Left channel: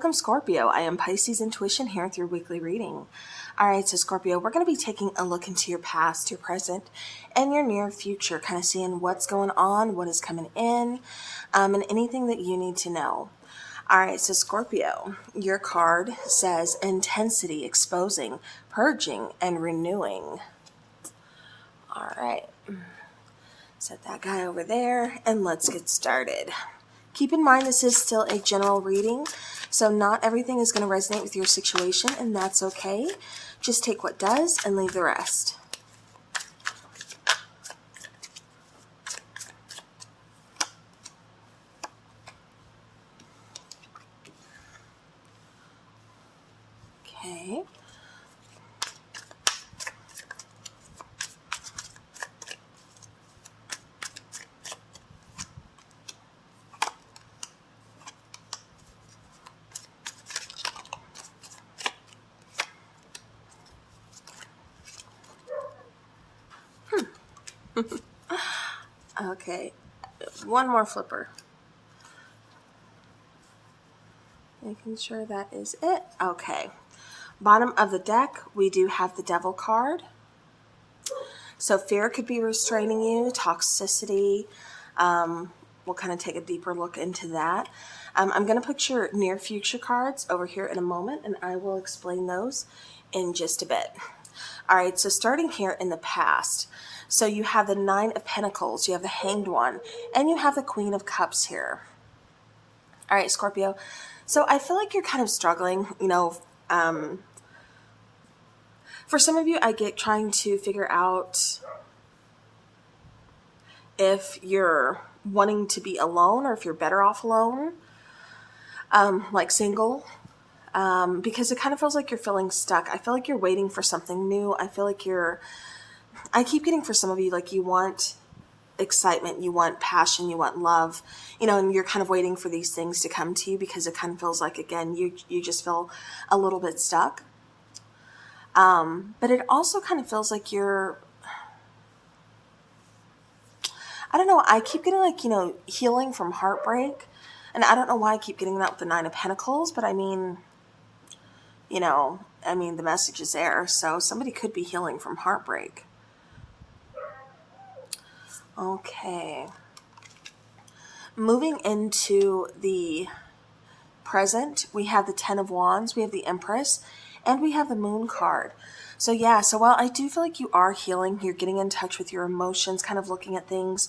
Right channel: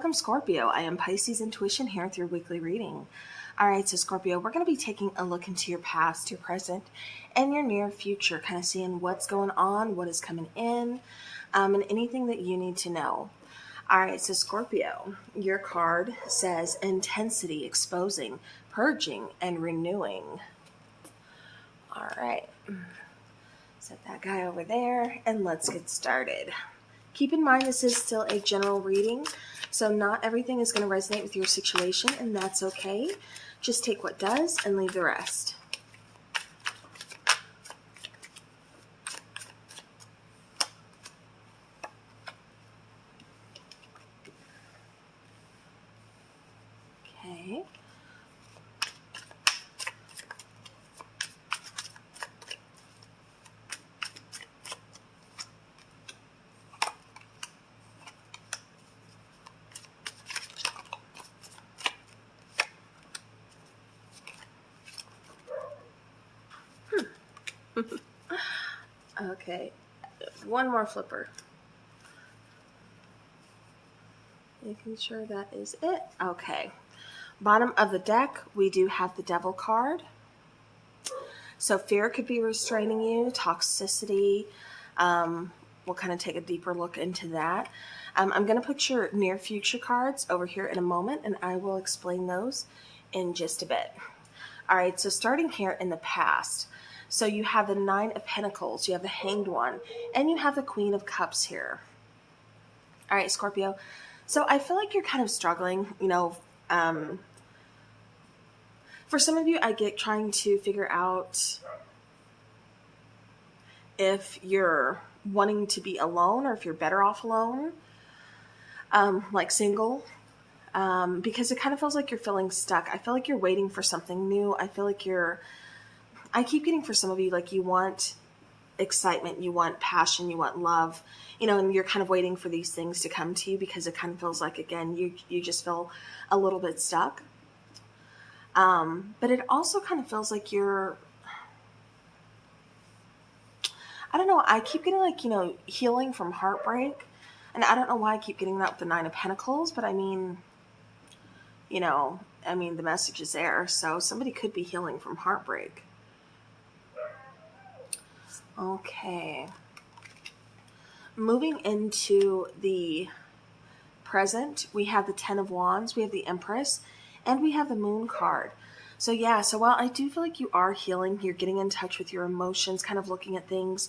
Welcome, Scorpio. I am Pisces Intuition here with your weekly reading. All right, so Scorpio, we're going to be taking a look into your past, your present, and your near future, kind of seeing what's going on, what is coming in, and anything that you need to know. All right, so Scorpio, your card says intensity, exposing, purging, and renewing. All right, set that guy over there, and let's get started. Keep in mind this is still a general reading, so not everything is going to resonate with your situation, and that's okay. Just take what does and leave the rest. Okay. Okay, one more flipper. Making sure that is it. Okay. Bottom of the deck, we do have the Devil card. So fear could be restraining you, toxicity. We'll kind of take a deeper look into that. I'm going to put your near future cards over here in a moment, and I will explain those in just a bit. All right, so starting here in the past. So you have the Nine of Pentacles, you have the Hanged One, and you have the Queen of Cups here. All right, Scorpio. So I feel like you're kind of struggling, for some of you, I get trying to figure out if you're wanting to be alone or if you're better off alone, like single, because it kind of feels like you're feeling stuck. I feel like you're waiting for something new. I feel like I keep getting for some of you, like you want excitement, you want passion, you want love, and you're kind of waiting for these things to come to you because it kind of feels like, again, you just feel a little bit stuck. But it also kind of feels like I don't know, I keep getting like, healing from heartbreak. And I don't know why I keep getting that with the Nine of Pentacles, but I mean, the message is there. So somebody could be healing from heartbreak. Okay. Moving into the present, we have the Ten of Wands, we have the Empress, and we have the Moon card. So yeah, so while I do feel like you are healing, you're getting in touch with your emotions, kind of looking at things,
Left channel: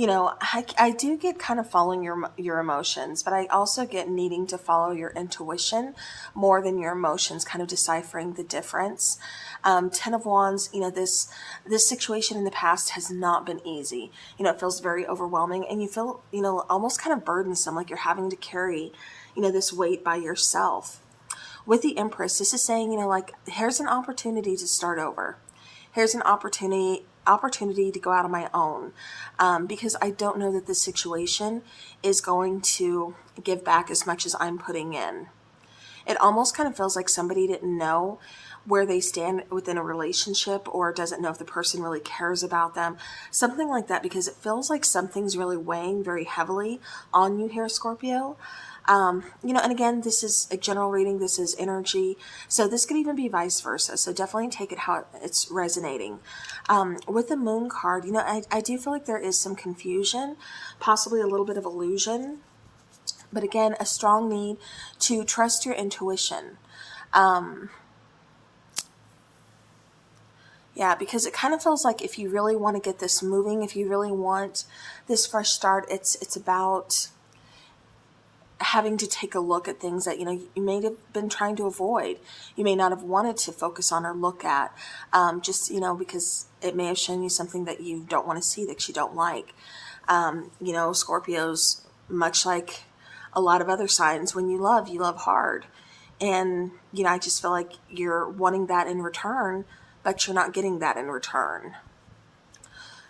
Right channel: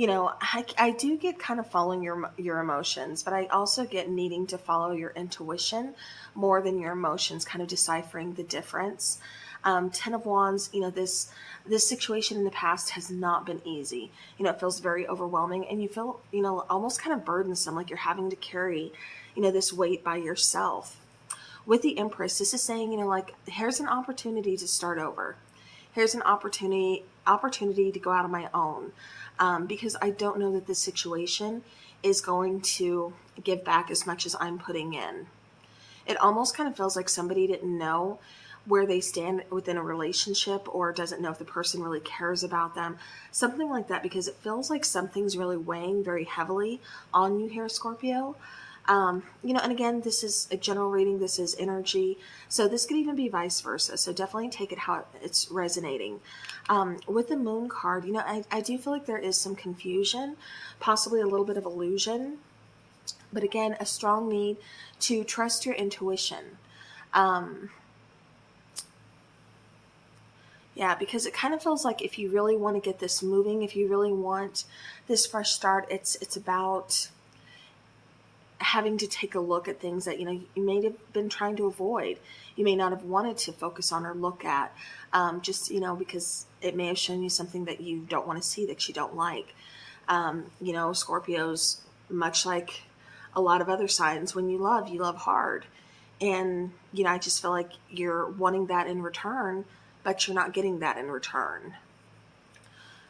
I do get kind of following your emotions, but I also get needing to follow your intuition more than your emotions, kind of deciphering the difference. Ten of Wands, this situation in the past has not been easy. It feels very overwhelming, and you feel, almost kind of burdensome, like you're having to carry, this weight by yourself. With the Empress, this is saying, like, here's an opportunity to start over. Here's an opportunity to go out on my own, because I don't know that this situation is going to give back as much as I'm putting in. It almost kind of feels like somebody didn't know where they stand within a relationship, or doesn't know if the person really cares about them. Something like that, because it feels like something's really weighing very heavily on you here, Scorpio. And again, this is a general reading, this is energy, so this could even be vice versa, so definitely take it how it's resonating. With the Moon card, I do feel like there is some confusion, possibly a little bit of illusion, but again, a strong need to trust your intuition. Yeah, because it kind of feels like if you really want to get this moving, if you really want this fresh start, it's about having to take a look at things that, you may have been trying to avoid. You may not have wanted to focus on or look at, because it may have shown you something that you don't want to see, that you don't like. Scorpios, much like a lot of other signs, when you love hard. And, I just feel like you're wanting that in return, but you're not getting that in return.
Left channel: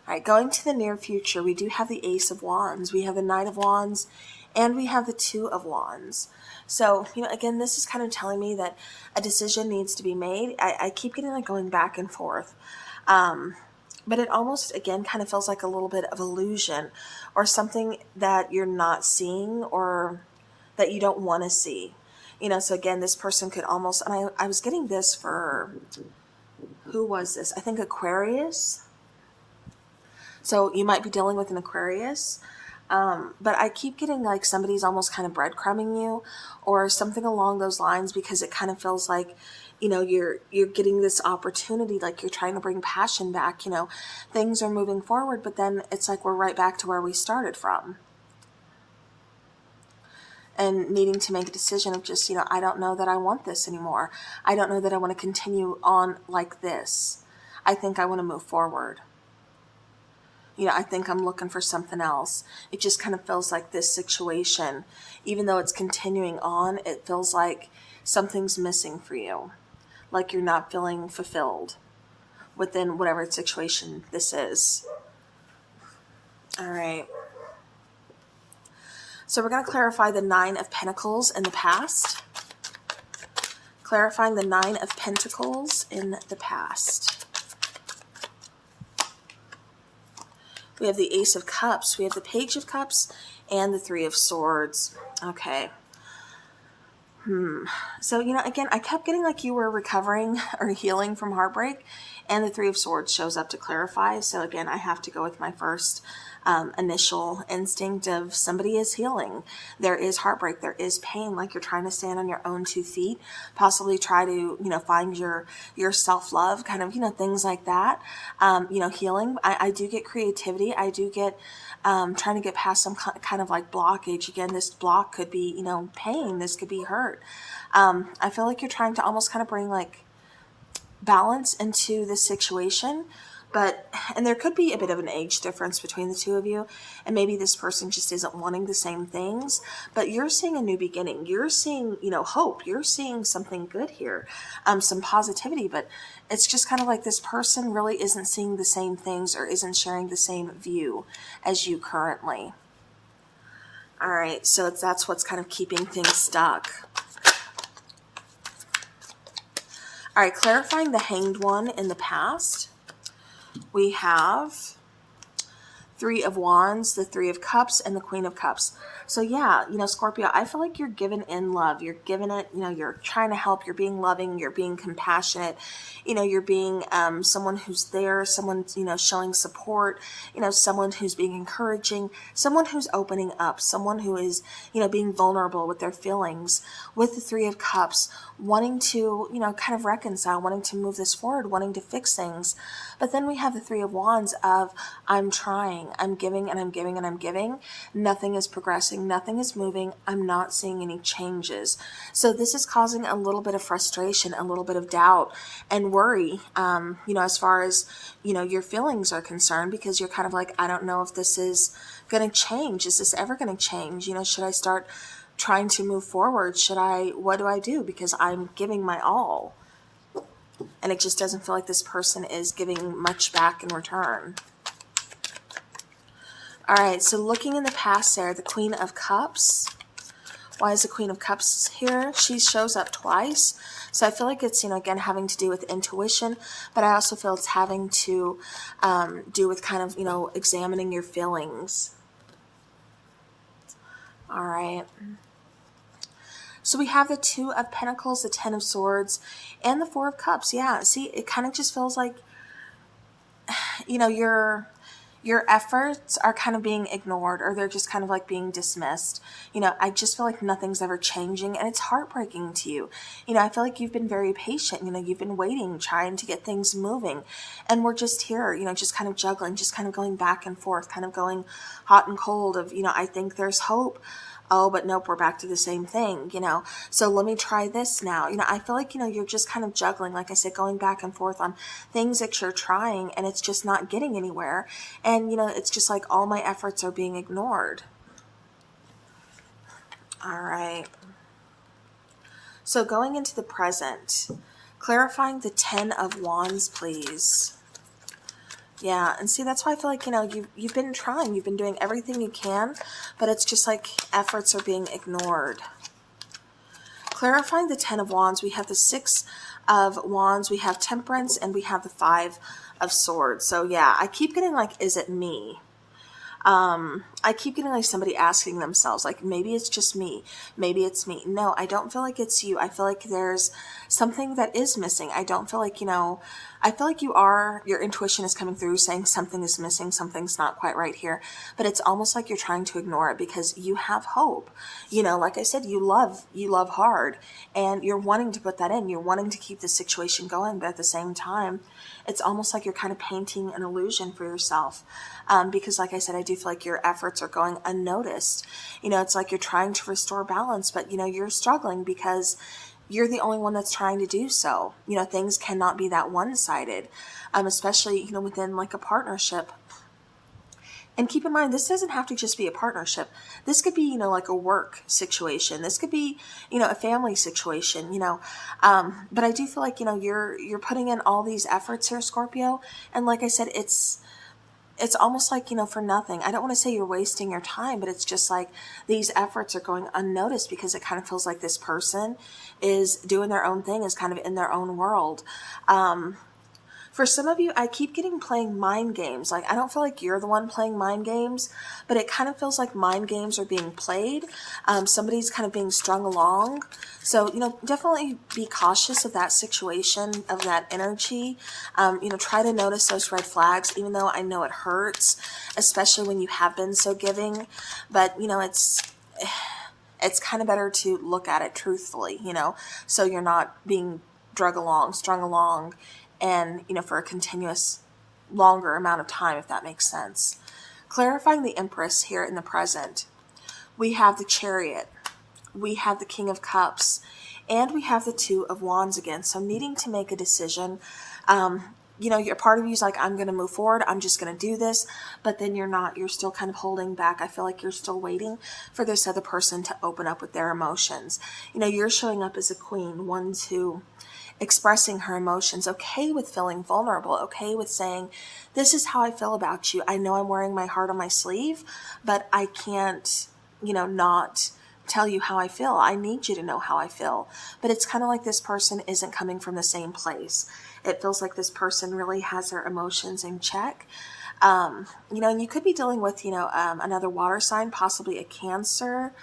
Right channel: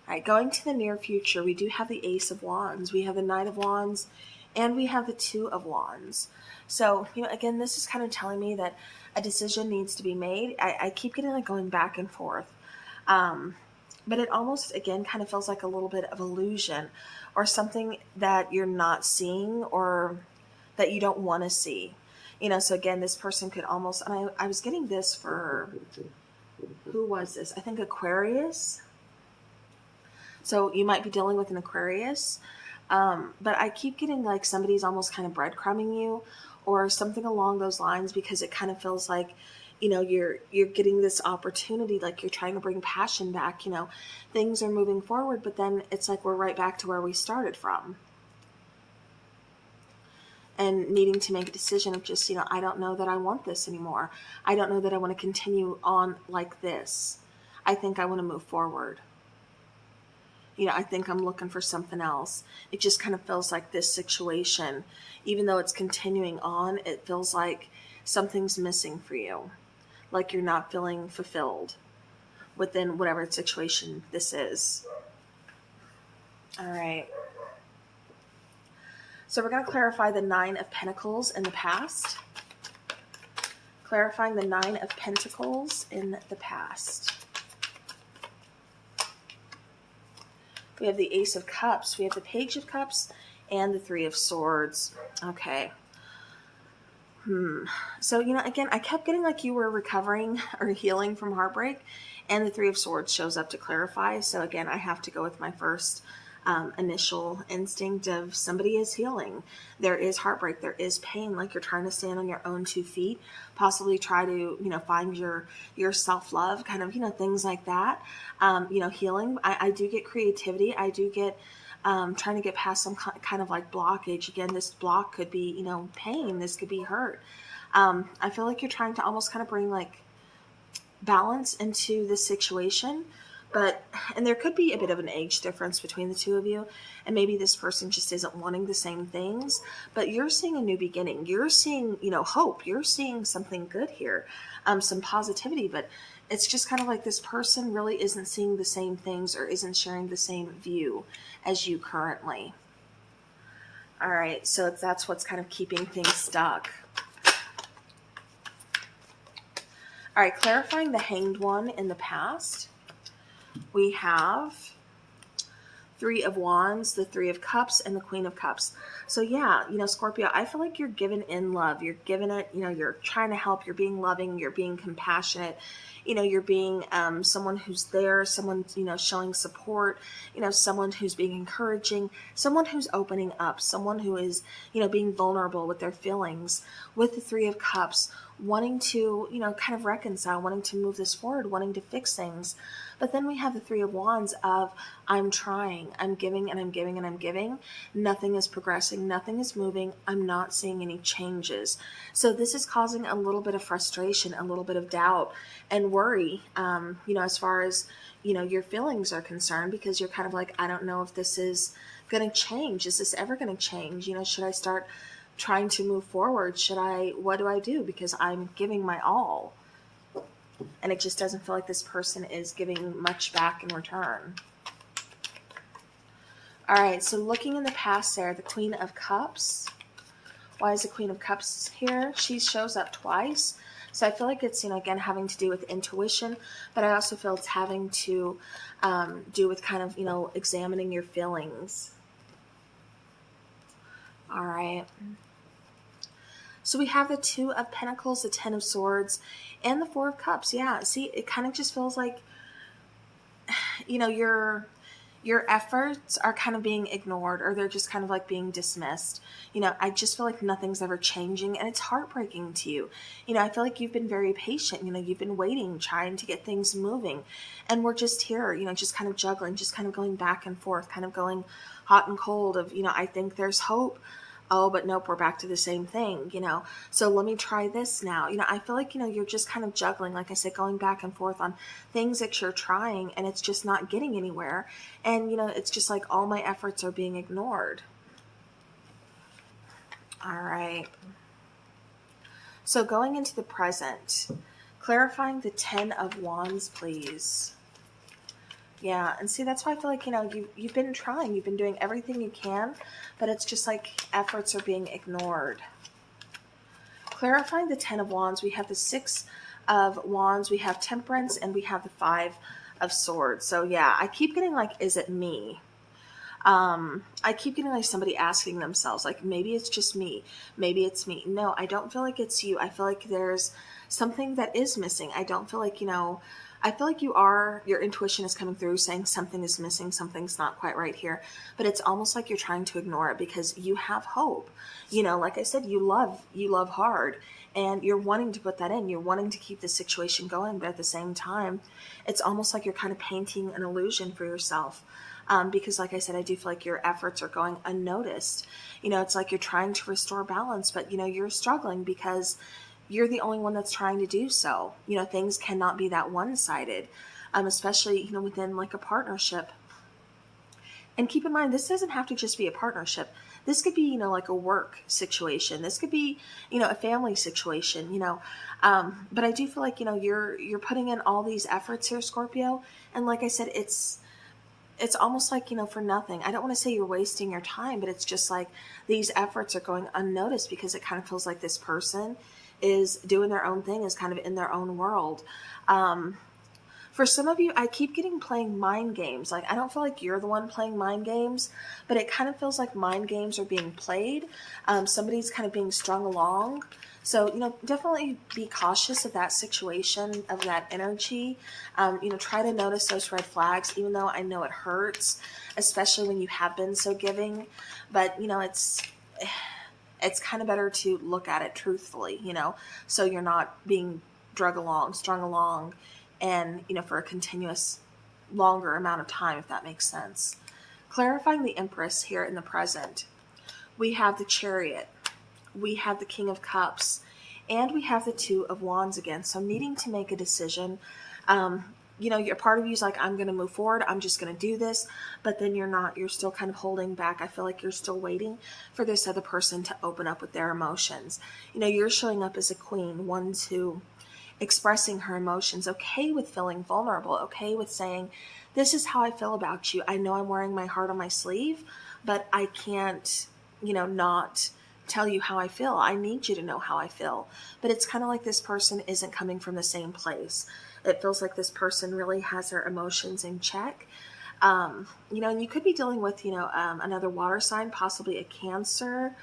All right, going to the near future, we do have the Ace of Wands. We have the Knight of Wands, and we have the Two of Wands. So, again, this is kind of telling me that a decision needs to be made. I keep getting like going back and forth. But it almost, again, kind of feels like a little bit of illusion, or something that you're not seeing, or that you don't want to see. You know, so again, this person could almost, and I was getting this for, who was this? I think Aquarius. So you might be dealing with an Aquarius. But I keep getting like somebody's almost kind of breadcrumbing you or something along those lines, because it kind of feels like, you know, you're getting this opportunity, like you're trying to bring passion back, you know, things are moving forward, but then it's like we're right back to where we started from. And needing to make a decision of just, you know, I don't know that I want this anymore. I don't know that I want to continue on like this. I think I want to move forward. You know, I think I'm looking for something else. It just kind of feels like this situation, even though it's continuing on, it feels like something's missing for you. Like you're not feeling fulfilled within whatever situation this is. All right. So we're going to clarify the 9 of Pentacles in the past. Clarifying the 9 of Pentacles in the past. We have the Ace of Cups, we have the Page of Cups, and the 3 of Swords. Okay. So, you know, again, I kept getting like you were recovering or healing from heartbreak, and the 3 of Swords shows up to clarify. So again, I have to go with my first initial instinct of somebody is healing. There is heartbreak, there is pain, like you're trying to stand on your own 2 feet, possibly try to, you know, find your self-love, kind of, you know, things like that. You know, healing. I do get creativity. I do get trying to get past some kind of like blockage. Again, this block could be, you know, pain. This could be hurt. I feel like you're trying to almost kind of bring like balance into this situation. And there could be a bit of an age difference between the 2 of you, and maybe this person just isn't wanting the same things, but you're seeing a new beginning. You're seeing, you know, hope. You're seeing something good here, some positivity, but it's just kind of like this person really isn't seeing the same things or isn't sharing the same view as you currently. All right, so that's what's kind of keeping things stuck. All right, clarifying the Hanged One in the past. We have 3 of Wands, the 3 of Cups, and the Queen of Cups. So yeah, you know, Scorpio, I feel like you're giving in love. You're giving it, you know, you're trying to help. You're being loving. You're being compassionate. You know, you're being someone who's there, someone, you know, showing support, you know, someone who's being encouraging, someone who's opening up, someone who is, you know, being vulnerable with their feelings. With the 3 of Cups, wanting to, you know, kind of reconcile, wanting to move this forward, wanting to fix things. But then we have the 3 of Wands of, I'm trying, I'm giving and I'm giving and I'm giving. Nothing is progressing, nothing is moving. I'm not seeing any changes. So this is causing a little bit of frustration, a little bit of doubt and worry, you know, as far as, you know, your feelings are concerned, because you're kind of like, I don't know if this is going to change. Is this ever going to change? You know, should I start trying to move forward? What do I do? Because I'm giving my all. And it just doesn't feel like this person is giving much back in return. All right, so looking in the past there, the Queen of Cups. Why is the Queen of Cups here? She shows up twice. So I feel like it's, you know, again, having to do with intuition, but I also feel it's having to do with kind of, you know, examining your feelings. All right. So we have the 2 of Pentacles, the 10 of Swords, and the 4 of Cups. Yeah, see, it kind of just feels like, you know, your efforts are kind of being ignored, or they're just kind of like being dismissed. You know, I just feel like nothing's ever changing, and it's heartbreaking to you. You know, I feel like you've been very patient. You know, you've been waiting, trying to get things moving, and we're just here, you know, just kind of juggling, just kind of going back and forth, kind of going hot and cold of, you know, I think there's hope. Oh, but nope, we're back to the same thing, you know. So let me try this now. You know, I feel like, you know, you're just kind of juggling, like I said, going back and forth on things that you're trying, and it's just not getting anywhere. And, you know, it's just like all my efforts are being ignored. All right. So going into the present, clarifying the 10 of Wands, please. Yeah, and see, that's why I feel like, you know, you've been trying, you've been doing everything you can, but it's just like efforts are being ignored. Clarifying the 10 of Wands, we have the 6 of Wands, we have Temperance, and we have the 5 of Swords. So yeah, I keep getting like, is it me? I keep getting like somebody asking themselves, like, maybe it's just me. Maybe it's me. No, I don't feel like it's you. I feel like there's something that is missing. I don't feel like, I feel like your intuition is coming through saying something is missing, something's not quite right here. But it's almost like you're trying to ignore it because you have hope. Like I said, you love hard, and you're wanting to put that in. You're wanting to keep the situation going, but at the same time, it's almost like you're kind of painting an illusion for yourself. Because like I said, I do feel like your efforts are going unnoticed. It's like you're trying to restore balance, but you're struggling because you're the only one that's trying to do so. Things cannot be that one-sided, especially, within like a partnership. And keep in mind, this doesn't have to just be a partnership. This could be, like a work situation. This could be, a family situation, but I do feel like, you're putting in all these efforts here, Scorpio. And like I said, it's almost like, for nothing. I don't want to say you're wasting your time, but it's just like these efforts are going unnoticed because it kind of feels like this person is doing their own thing, is kind of in their own world. For some of you, I keep getting playing mind games. Like, I don't feel like you're the one playing mind games, but it kind of feels like mind games are being played. Somebody's kind of being strung along. So, definitely be cautious of that situation, of that energy. Try to notice those red flags, even though I know it hurts, especially when you have been so giving. But, it's kind of better to look at it truthfully, so you're not being strung along, and, for a continuous longer amount of time, if that makes sense. Clarifying the Empress here in the present. We have the Chariot. We have the King of Cups. And we have the Two of Wands again. So needing to make a decision. Your part of you is like, I'm going to move forward. I'm just going to do this. But then you're not. You're still kind of holding back. I feel like you're still waiting for this other person to open up with their emotions. You're showing up as a queen, one, two, expressing her emotions, okay with feeling vulnerable, okay with saying, this is how I feel about you. I know I'm wearing my heart on my sleeve, but I can't, not tell you how I feel. I need you to know how I feel. But it's kind of like this person isn't coming from the same place. It feels like this person really has their emotions in check. And you could be dealing with, another water sign, possibly a Cancer,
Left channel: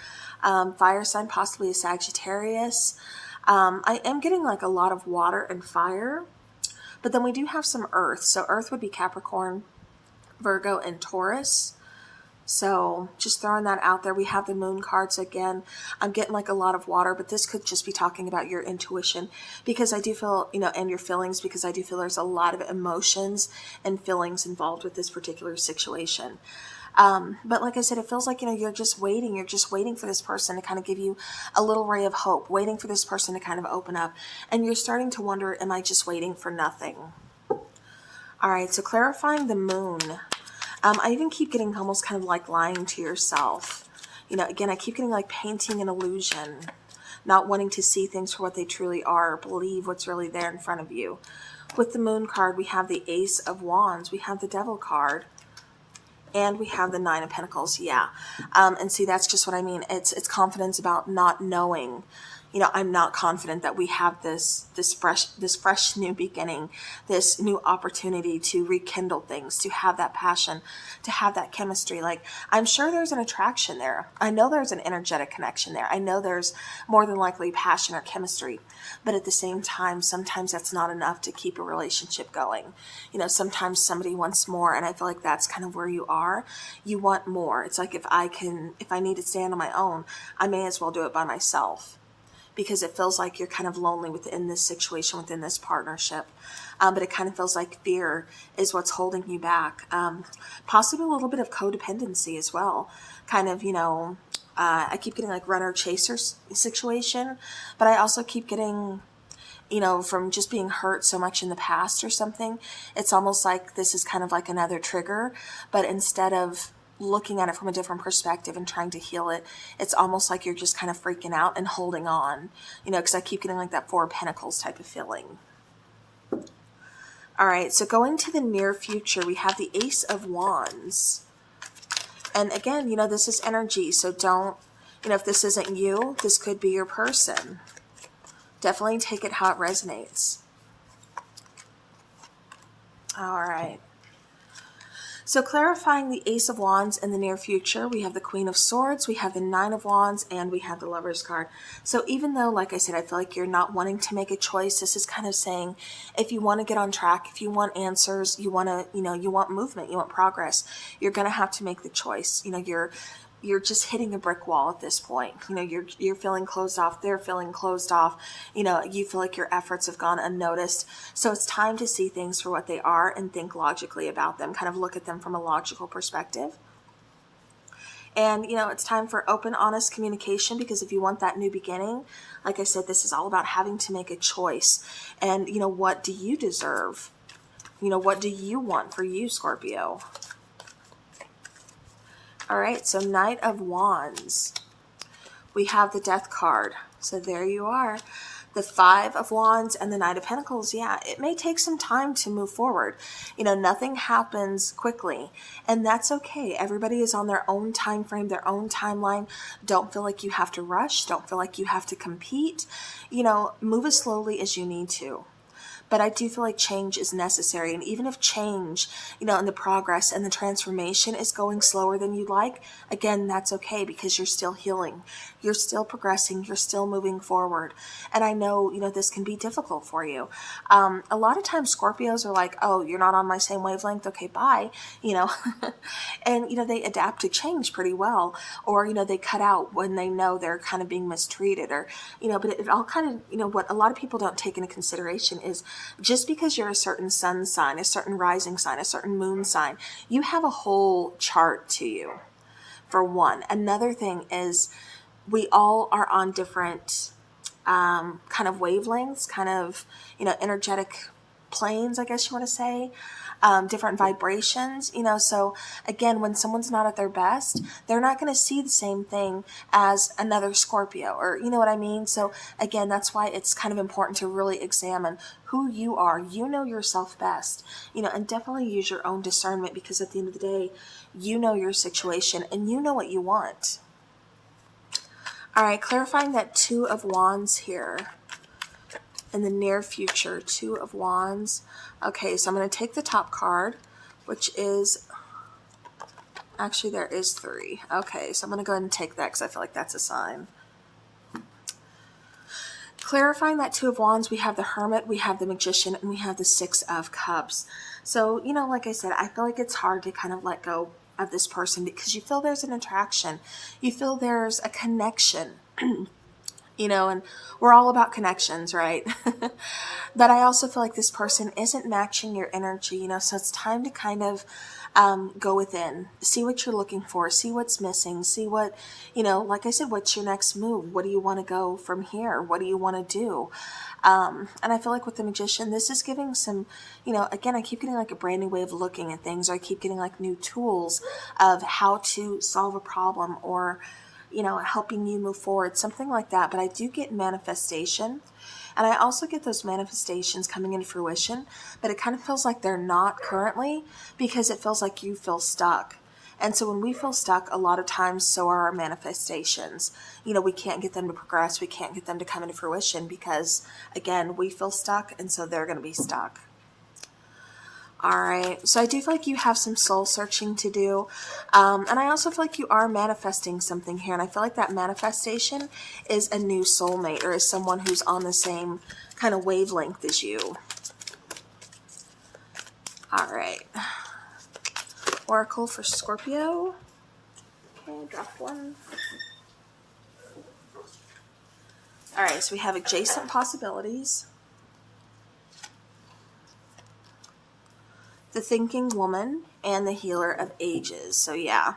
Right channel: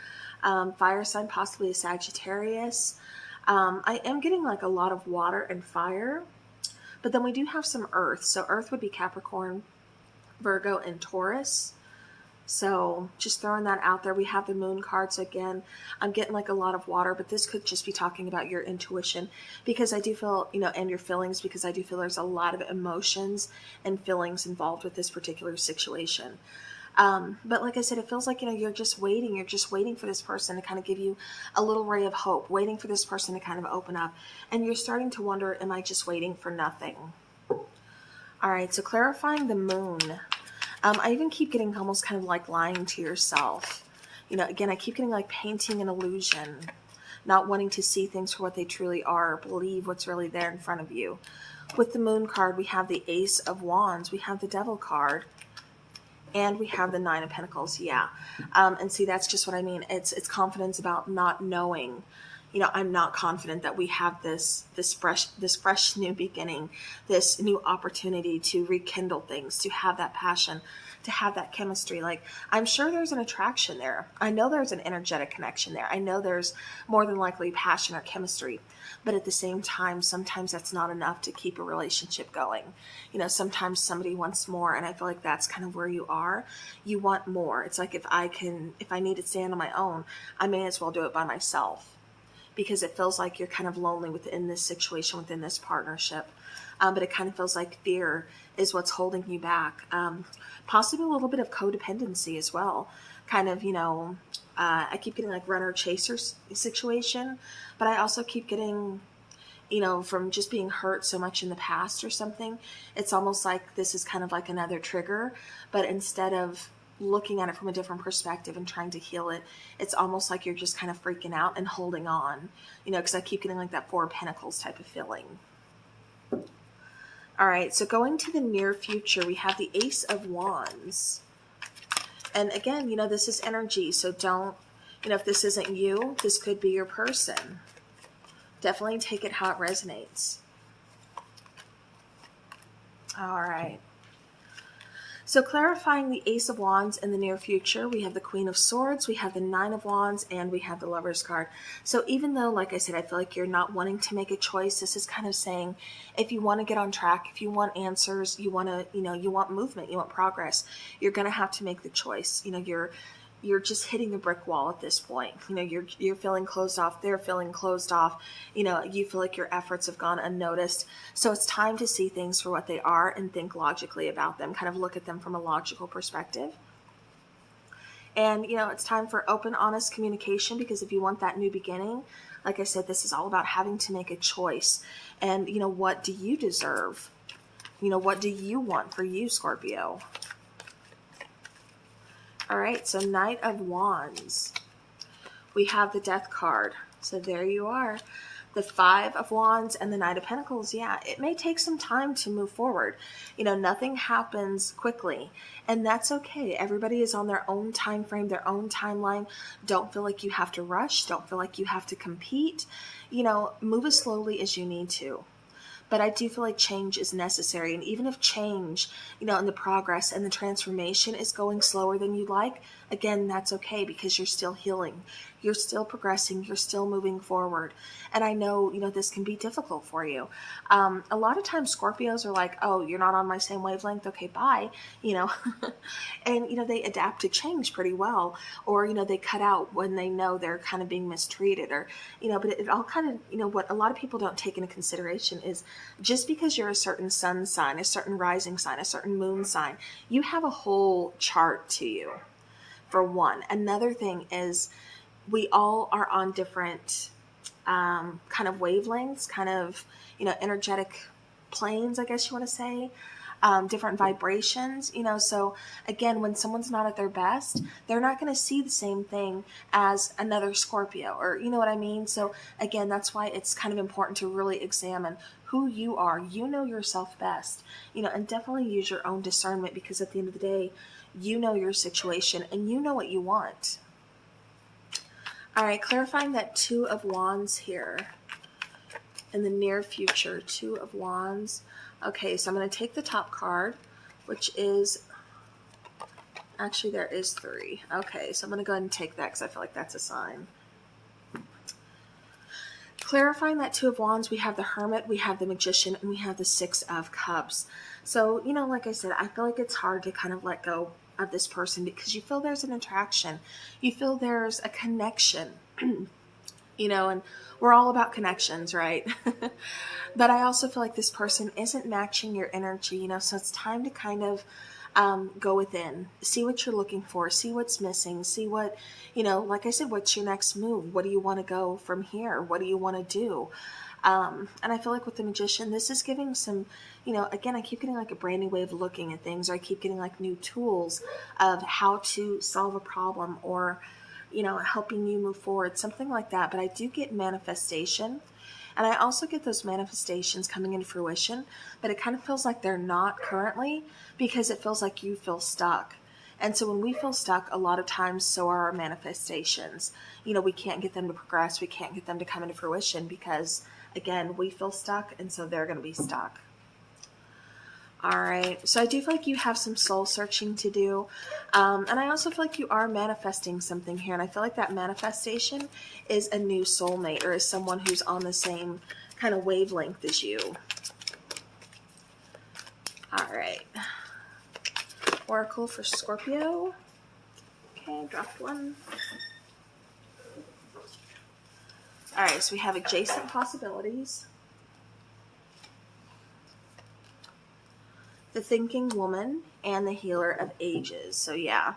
fire sign, possibly a Sagittarius. I am getting like a lot of water and fire, but then we do have some earth. So earth would be Capricorn, Virgo, and Taurus. So just throwing that out there. We have the moon cards again. I'm getting like a lot of water, but this could just be talking about your intuition, because I do feel, and your feelings, because I do feel there's a lot of emotions and feelings involved with this particular situation. But like I said, it feels like, you're just waiting. You're just waiting for this person to kind of give you a little ray of hope, waiting for this person to kind of open up. And you're starting to wonder, am I just waiting for nothing? All right, so clarifying the moon. I even keep getting almost kind of like lying to yourself. Again, I keep getting like painting an illusion, not wanting to see things for what they truly are, or believe what's really there in front of you. With the moon card, we have the Ace of Wands. We have the Devil card. And we have the Nine of Pentacles, yeah. And see, that's just what I mean. It's confidence about not knowing. I'm not confident that we have this fresh new beginning, this new opportunity to rekindle things, to have that passion, to have that chemistry. Like, I'm sure there's an attraction there. I know there's an energetic connection there. I know there's more than likely passion or chemistry. But at the same time, sometimes that's not enough to keep a relationship going. Sometimes somebody wants more, and I feel like that's kind of where you are. You want more. It's like, if I need to stand on my own, I may as well do it by myself, because it feels like you're kind of lonely within this situation, within this partnership. But it kind of feels like fear is what's holding you back. Possibly a little bit of codependency as well. Kind of, I keep getting like runner-chaser situation, but I also keep getting, from just being hurt so much in the past or something, it's almost like this is kind of like another trigger, but instead of looking at it from a different perspective and trying to heal it, it's almost like you're just kind of freaking out and holding on, because I keep getting like that Four of Pentacles type of feeling. All right, so going to the near future, we have the Ace of Wands. And again, this is energy, so don't, if this isn't you, this could be your person. Definitely take it how it resonates. All right. So clarifying the Ace of Wands in the near future, we have the Queen of Swords, we have the Nine of Wands, and we have the Lover's card. So even though, like I said, I feel like you're not wanting to make a choice, this is kind of saying if you want to get on track, if you want answers, you want to, you want movement, you want progress, you're going to have to make the choice. You're just hitting a brick wall at this point. You're feeling closed off. They're feeling closed off. You feel like your efforts have gone unnoticed. So it's time to see things for what they are and think logically about them, kind of look at them from a logical perspective. And, it's time for open, honest communication, because if you want that new beginning, like I said, this is all about having to make a choice. And, what do you deserve? What do you want for you, Scorpio? All right, so Knight of Wands. We have the Death card. So there you are. The Five of Wands and the Knight of Pentacles. Yeah, it may take some time to move forward. Nothing happens quickly, and that's okay. Everybody is on their own time frame, their own timeline. Don't feel like you have to rush. Don't feel like you have to compete. Move as slowly as you need to. But I do feel like change is necessary. And even if change, and the progress and the transformation is going slower than you like, again, that's okay, because you're still healing. You're still progressing. You're still moving forward. And I know, this can be difficult for you. A lot of times Scorpios are like, oh, you're not on my same wavelength. Okay, bye. And, they adapt to change pretty well. Or, they cut out when they know they're kind of being mistreated, or, but it all kind of, what a lot of people don't take into consideration is just because you're a certain sun sign, a certain rising sign, a certain moon sign, you have a whole chart to you, for one. Another thing is we all are on different kind of wavelengths, kind of, energetic planes, I guess you want to say. Different vibrations, so again, when someone's not at their best, they're not going to see the same thing as another Scorpio, or you know what I mean? So again, that's why it's kind of important to really examine who you are. You know yourself best, and definitely use your own discernment, because at the end of the day, you know your situation and you know what you want. All right, clarifying that Two of Wands here in the near future. Two of Wands. Okay, so I'm going to take the top card, which is, actually there is three. Okay, so I'm going to go ahead and take that because I feel like that's a sign. Clarifying that Two of Wands, we have the Hermit, we have the Magician, and we have the Six of Cups. So, like I said, I feel like it's hard to kind of let go of this person because you feel there's an attraction. You feel there's a connection. And we're all about connections, right? But I also feel like this person isn't matching your energy, so it's time to kind of go within, see what you're looking for, see what's missing, see what, like I said, what's your next move? What do you want to go from here? What do you want to do? And I feel like with the Magician, this is giving some, again, I keep getting like a brand new way of looking at things, or I keep getting like new tools of how to solve a problem, or helping you move forward, something like that. But I do get manifestation, and I also get those manifestations coming into fruition, but it kind of feels like they're not currently, because it feels like you feel stuck. And so when we feel stuck, a lot of times, so are our manifestations. We can't get them to progress. We can't get them to come into fruition because, again, we feel stuck, and so they're going to be stuck. All right, so I do feel like you have some soul searching to do, and I also feel like you are manifesting something here, and I feel like that manifestation is a new soulmate, or is someone who's on the same kind of wavelength as you. All right, Oracle for Scorpio. Okay, I dropped one. All right, so we have adjacent possibilities, the Thinking Woman, and the Healer of Ages. So yeah,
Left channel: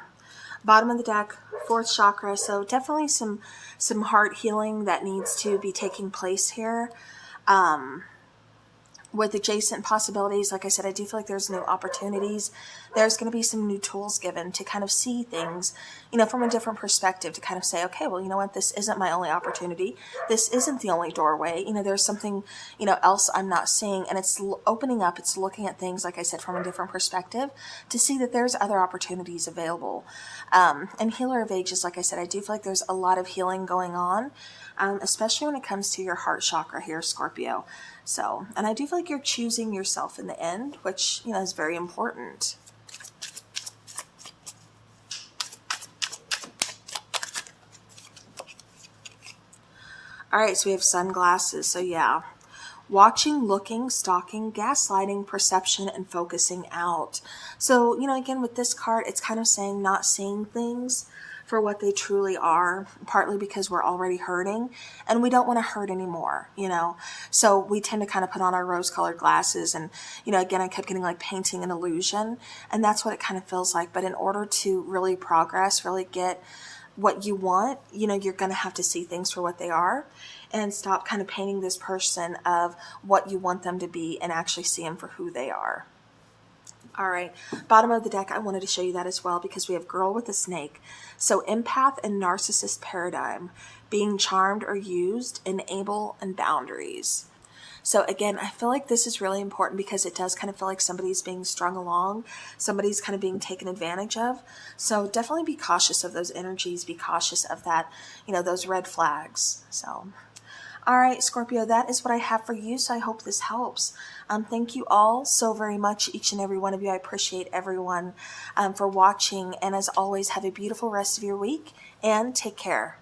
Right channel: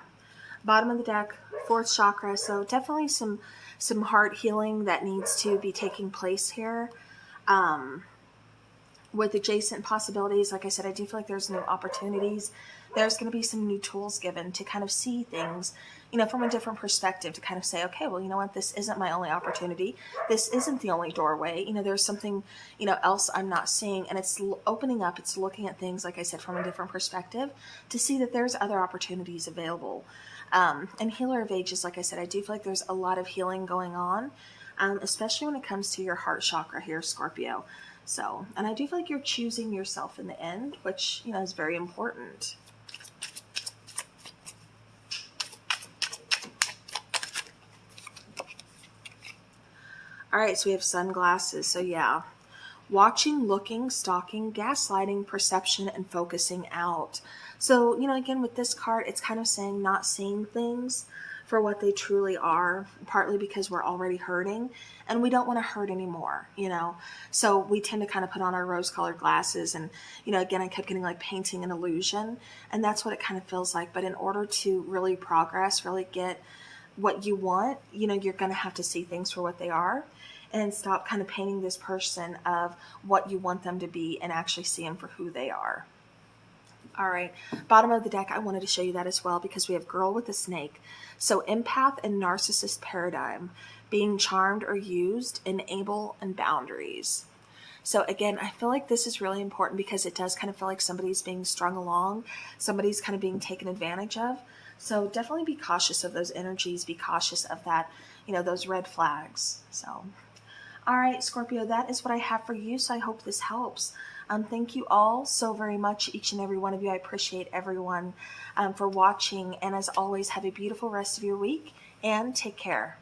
bottom of the deck, fourth chakra. So definitely some heart healing that needs to be taking place here. With adjacent possibilities, like I said, I do feel like there's new opportunities. There's going to be some new tools given to kind of see things, from a different perspective, to kind of say, okay, well, you know what, this isn't my only opportunity. This isn't the only doorway. There's something, else I'm not seeing, and it's opening up. It's looking at things, like I said, from a different perspective to see that there's other opportunities available. And Healer of Ages, like I said, I do feel like there's a lot of healing going on, especially when it comes to your heart chakra here, Scorpio. So, and I do feel like you're choosing yourself in the end, which, is very important. All right, so we have sunglasses. So yeah, watching, looking, stalking, gaslighting, perception, and focusing out. So, again, with this card, it's kind of saying not seeing things for what they truly are, partly because we're already hurting and we don't want to hurt anymore. So we tend to kind of put on our rose-colored glasses and, again, I kept getting like painting an illusion, and that's what it kind of feels like. But in order to really progress, really get what you want, you're going to have to see things for what they are and stop kind of painting this person of what you want them to be and actually see them for who they are. All right, bottom of the deck, I wanted to show you that as well because we have girl with a snake. So empath and narcissist paradigm, being charmed or used, enable, and boundaries. So again, I feel like this is really important because it does kind of feel like somebody's being strung along, somebody's kind of being taken advantage of. So definitely be cautious of those energies, be cautious of that, those red flags. So, all right, Scorpio, that is what I have for you. So I hope this helps. Thank you all so very much, each and every one of you. I appreciate everyone for watching. And as always, have a beautiful rest of your week and take care.